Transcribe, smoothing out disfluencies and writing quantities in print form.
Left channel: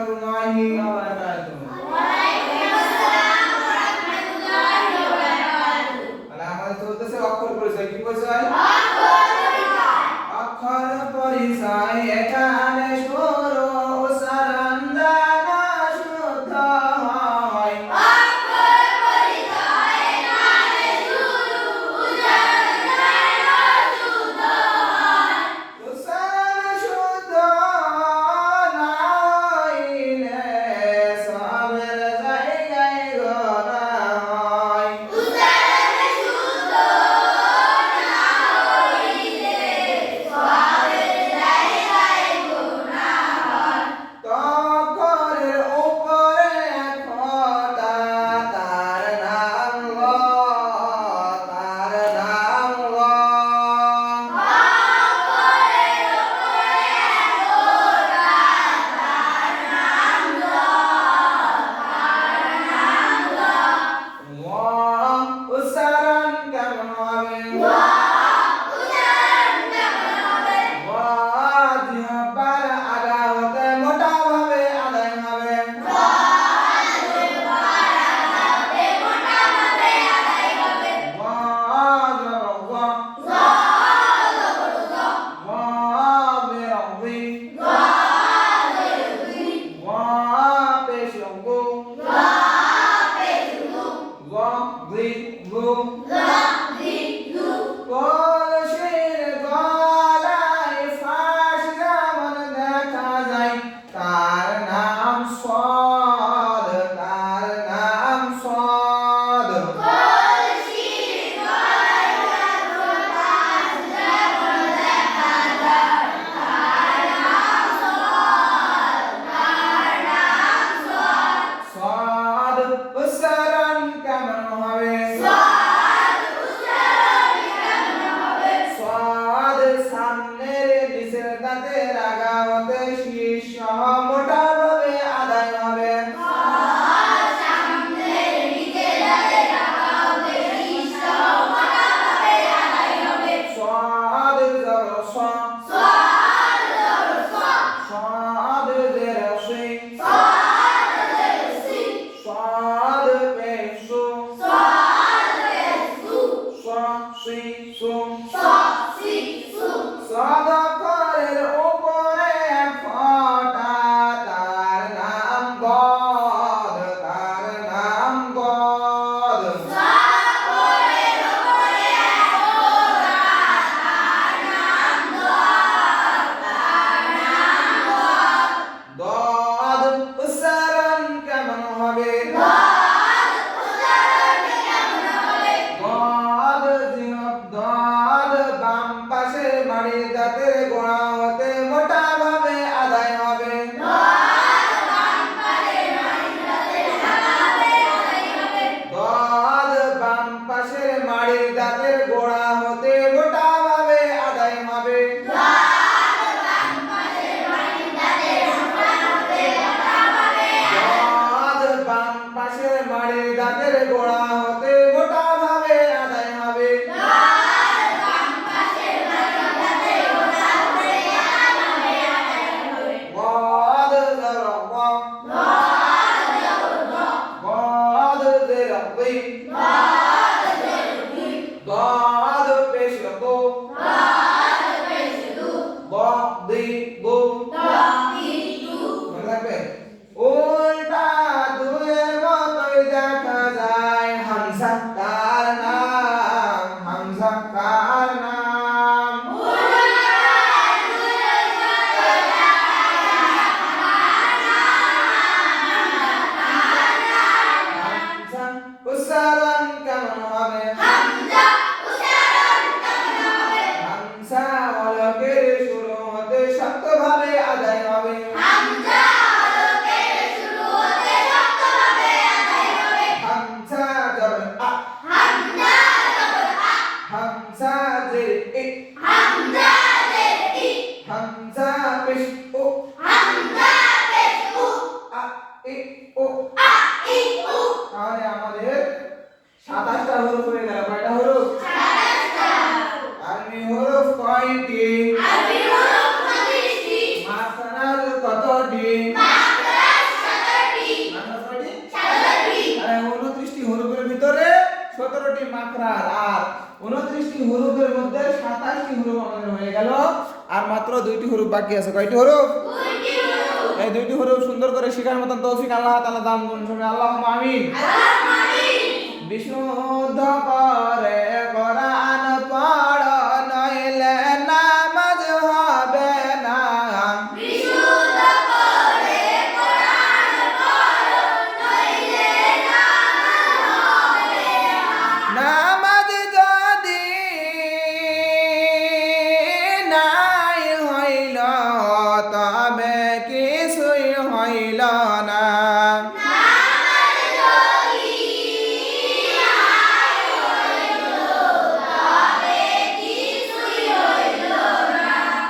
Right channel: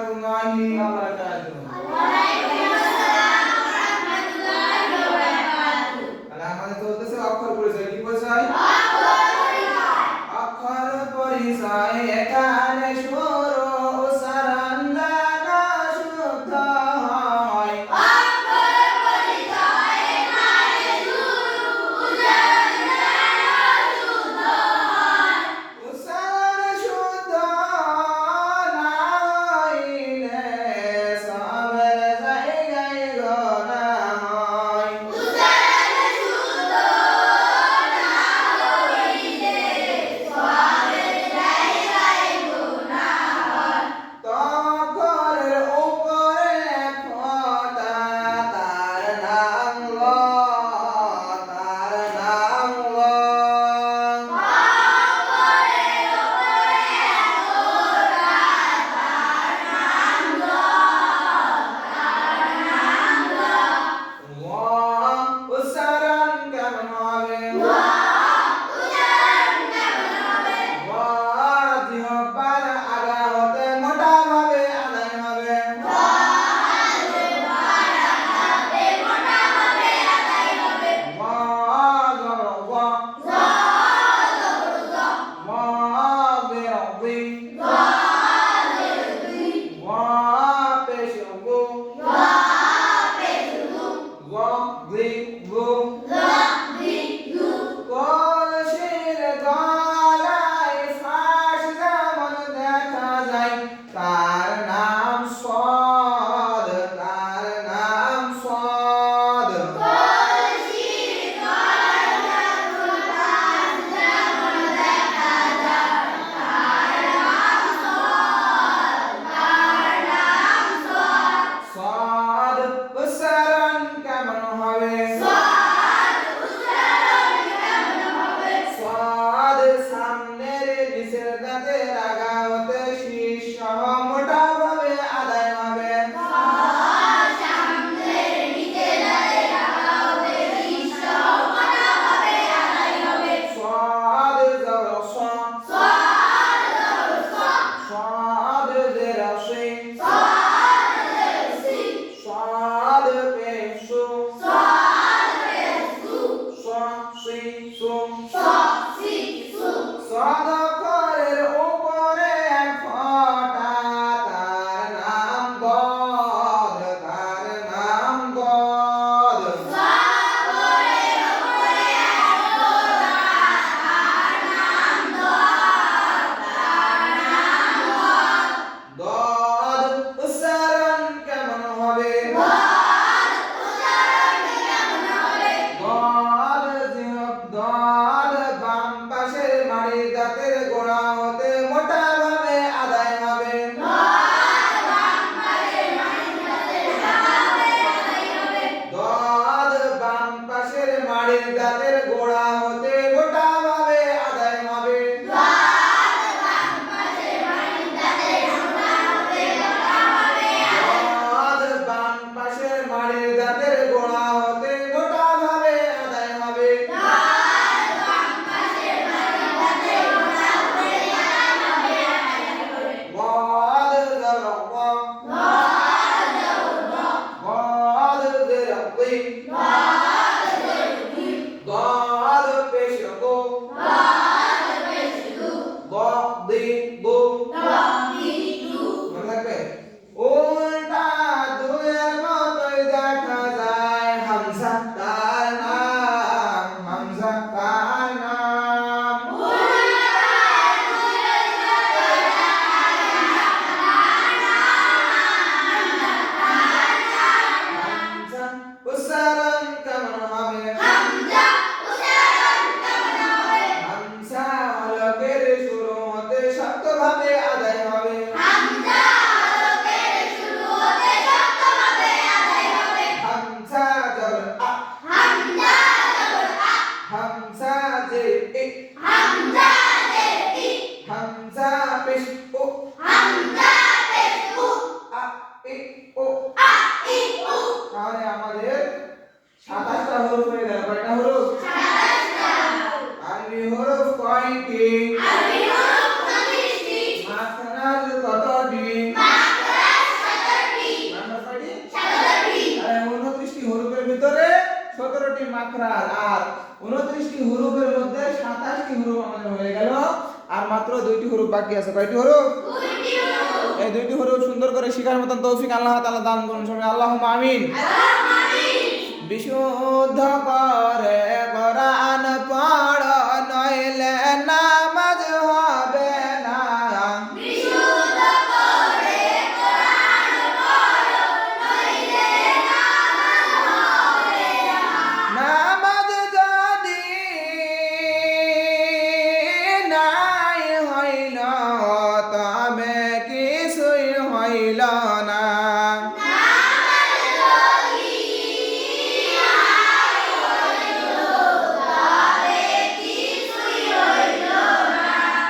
রাহমাতুল্লাহি ওয়া বারাকাতুহু। তাহলে আমাদের চলতেছে অক্ষর পরিচয়। কি পরিচয়? অক্ষর পরিচয়। এখানে শুরু উচ্চারণ দ্বারা শুদ্ধ হয়। উচ্চারণ শুদ্ধ না হইলে সবের জায়গায় গোনা হয়। তখরের উপরে ফোঁটা তার নাম ল, তার নাম ল। ল উচ্চারণ কেমন হবে? ল জিহ্বার আগা হতে মোটা ভাবে আদায় হবে। ল জবর ল, ল বের বি, ল পেশ গু, ল বি গু। কলসির গলায় ফাঁস যেমন দেখা যায়, তার নাম সদ, তার নাম সদ। সদ উচ্চারণ কেমন হবে? সদ সামনের নিচের দাঁতের আগা হতে শীর্ষ মোটা ভাবে আদায় হবে। সদ জবর স, সদ জের সি, সদ পেশ সু, স সি সু। সদ অক্ষরের উপরে ফোঁটা তার নাম গদ, তার নাম গদ। দদ উচ্চারণ কেমন হবে? দদ দদ বাম পাশে মাড়ির দাঁতের গোড়া হতে মোটা ভাবে আদায় হবে। দদ বাম পাশের মাড়ির দাঁতের গোড়া হতে মোটা ভাবে আদায় হবে। দদ বাম পাশের মাড়ির দাঁতের গোড়া হতে মোটা ভাবে আদায় হবে। গদ জবর গ, গদ জের বি, গদ পেশ গু, গ দি গু। মনে রাখবে। উল্টা দুয়ের মতোই দেখা যায়, হামজা তার নাম, হামজা তার নাম। হামজা উচ্চারণ কেমন হবে? হামজা হলকের শুরু হতে শক্ত ভাবে আদায় হবে। হামজা জবর আ, হামজা জের ই, হামজা পেশ উ, আ ই উ। তাহলে আমাদের 27টা হরফ হয়ে গেল। কয়টা হরফ? আরবি হরফ কয়টি? মাখরাজ কতটি? 17টি মাখরাজ আর 29টি হুরুফের মধ্যে 27টি হুরুফ আমাদের হয়ে গেল আর মাত্র 2টি হুরুফ বাকি আছে। কয়টি হুরুফ? 2টি হুরুফ। এই 2টি হুরুফ সুন্দর করে শেখার মতন তৌফিক আল্লাহ তাআলা দান করুন। আল্লাহুম্মা আমিন। আল্লাহুম্মা আমিন। বিশুদ্ধ করে